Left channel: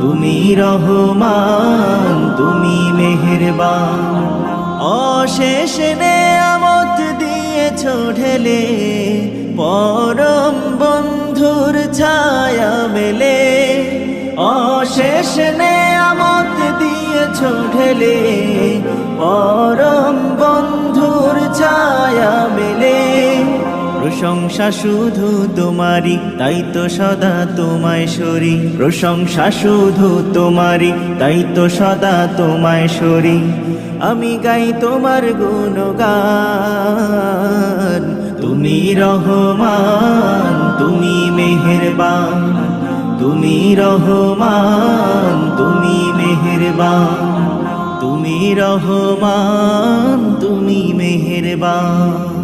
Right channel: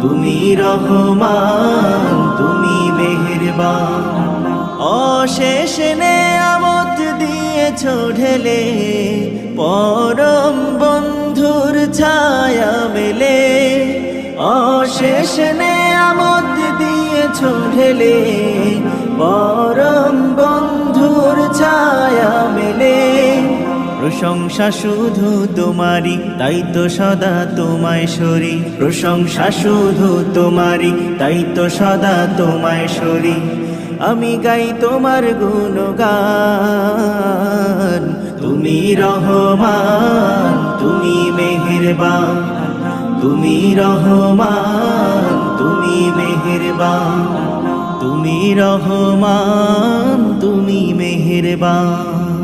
তুমি রহমান, তুমি মেহেরবান। অশেষ নেয়ামত দিয়েছ ঢেলে, পরম বন্ধুর ছায়া মেলে। অশেষ নেয়ামত দিয়েছ ঢেলে, পরম বন্ধুর ছায়া মেলে। প্রশংসা শুধু তোমারই, তাই তো সদা তোমায় সরি। প্রশংসা শুধু তোমারই, তাই তো সদা তোমায় সরি। আমি গাই তোমার গুণগান। তুমি রহমান, তুমি মেহেরবান। তুমি রহমান, তুমি মেহেরবান। তুমি রহমান, তুমি মেহেরবান।